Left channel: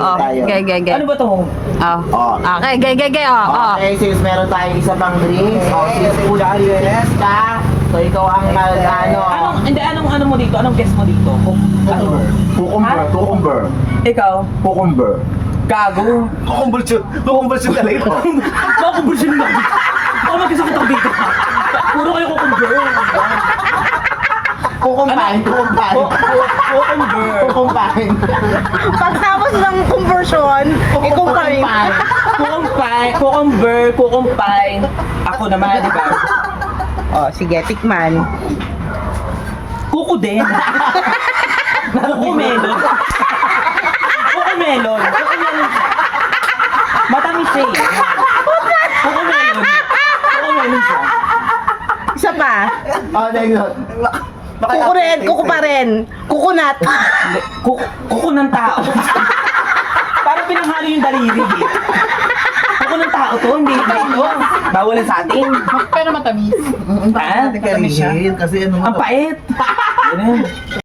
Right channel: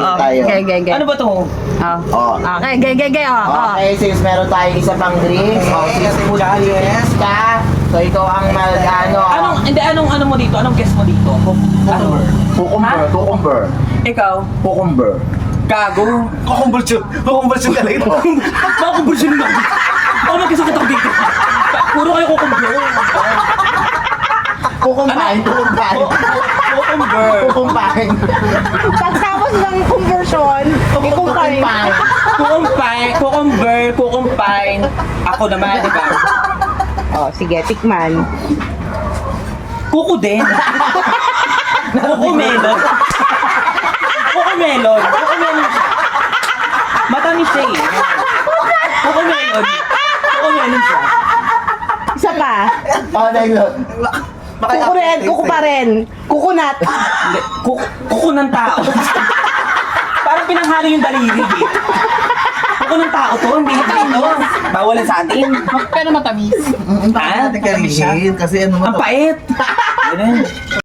oh. tayo. Okay. Ano ba to? Oh. Oh. Okay, gay. Oh. Okay, since meron tayong isa pang drinks, since food drinks ka, so ikaw ang Anong mo dito? Anong guess mo dito? Cucumber. Ikaw? Cucumber. Gago. Kukumbulsyon talaga. Makukumbulsyon na. Ako magkasakit ako dito. Puro kayo kukumbur. Kukumpain. Pagtapos ng conversion, ikumpain. Kukumpine. Ako naman, di ba? Oh, sige, tikman. Kuko din. Kukumelon. Kukumelon siya. Matamis siya eh. Kukumelon siya. Isa pa. Next. Kuko pa rin. Kukunat. Hindi, kuko ng tao. Parang pinanghalo yung daliri eh. Kuko ng tao to, hindi ito. Bawalan sa atin. Pero matamis. Ah, Kasi ano ang pait. Ganun.